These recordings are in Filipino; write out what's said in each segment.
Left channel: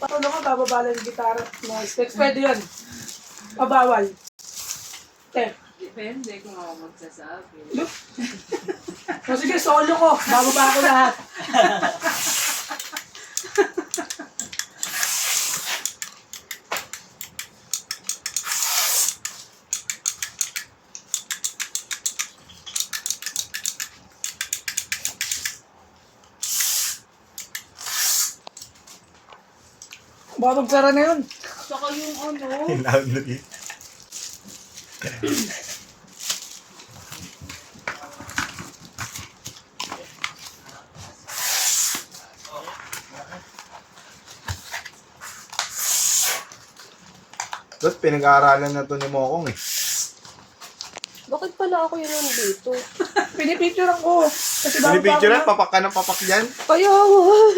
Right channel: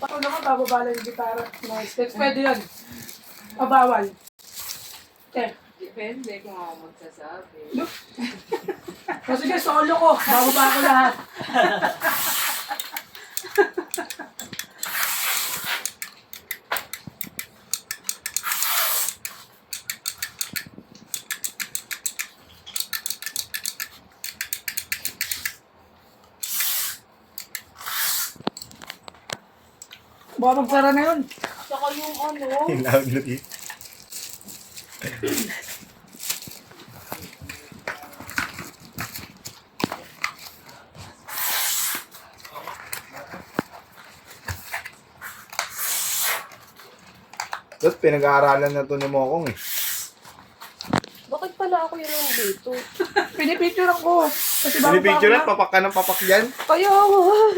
Paano naman bababala yung gitara? Noise. Pwede yun. Pabawal. Depende kung ako magsasabi. O sige, solo ko. Bababa ko lahat. Baka magsara na yun. Saka yung ano, Loud na yun. Dot, pinag-aaralan na to ni Mokong eh. Bakit pala ako yun nandito? Pinipicturean ko. Kasi bago pa ako Pinipicture na. yan, papak ka ng papak dyan. Kaya yung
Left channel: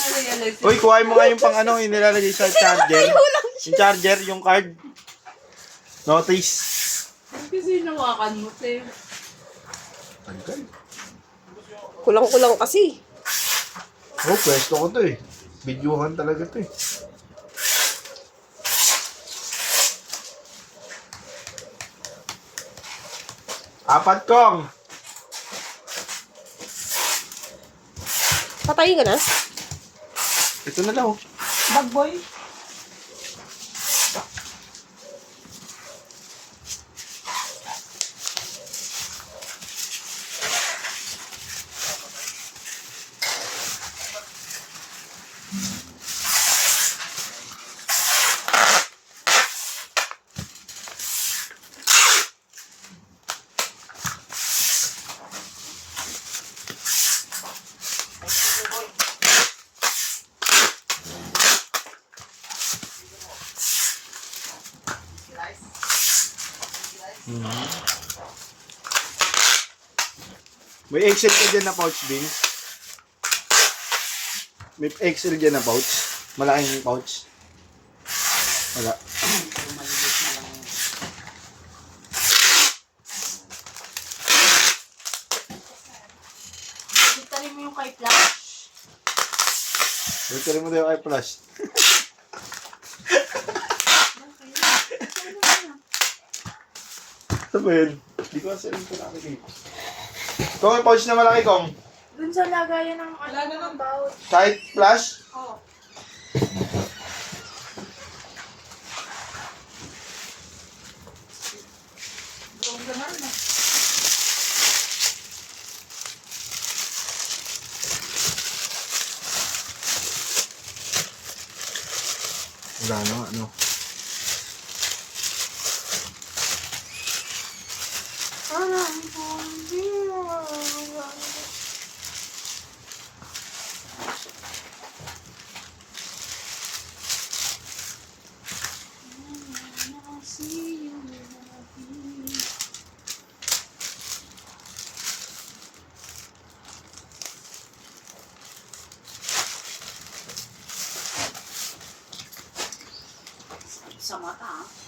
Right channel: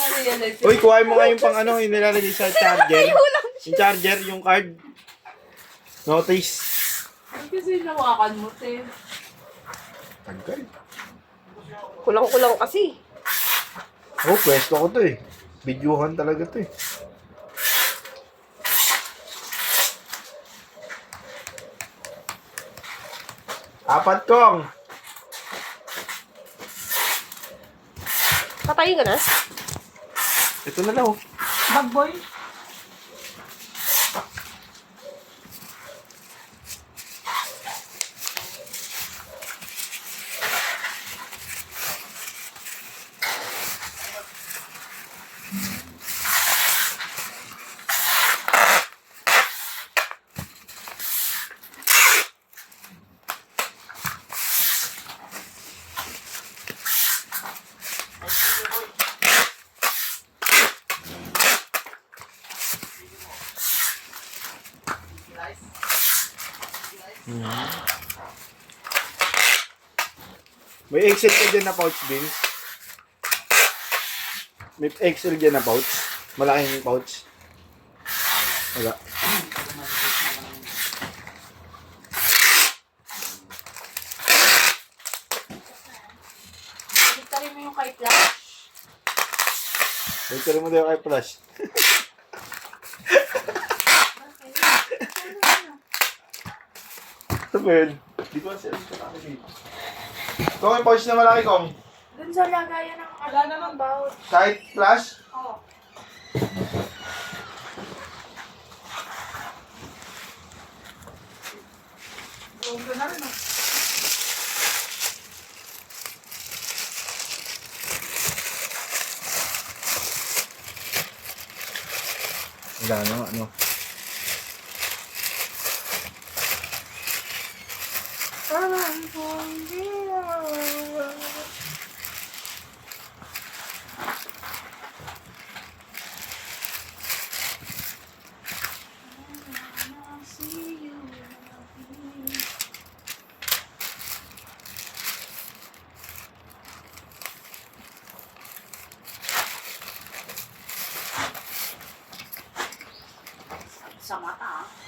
na-realize Uy, kuhain mo nga yung pang ano, yung nilalagay sa charger. Yung charger, yung card. Notice. kasi nawakan mo, te. Tagal. kulang-kulang kasi. Oh, pwesto ko to eh. Videohan talaga to eh. Apat kong. Patayin ka na? Ito na lang oh. Bag boy. May Excel ka dyan na pouch, Bing. May Excel dyan na pouch. Malaking pouch. Wala. Itali mo yung kay Flash. Ito rin mo daw kay Flash. Ito ba yun? Di ko kasi alam ito nakikita. Ito yung pouch na malaki kong. Dun sa lagayan ng Wala na lang. about. Kahit Flash? Oh. Gawin na rin ah. Wala no, ano. Sa mata, ah.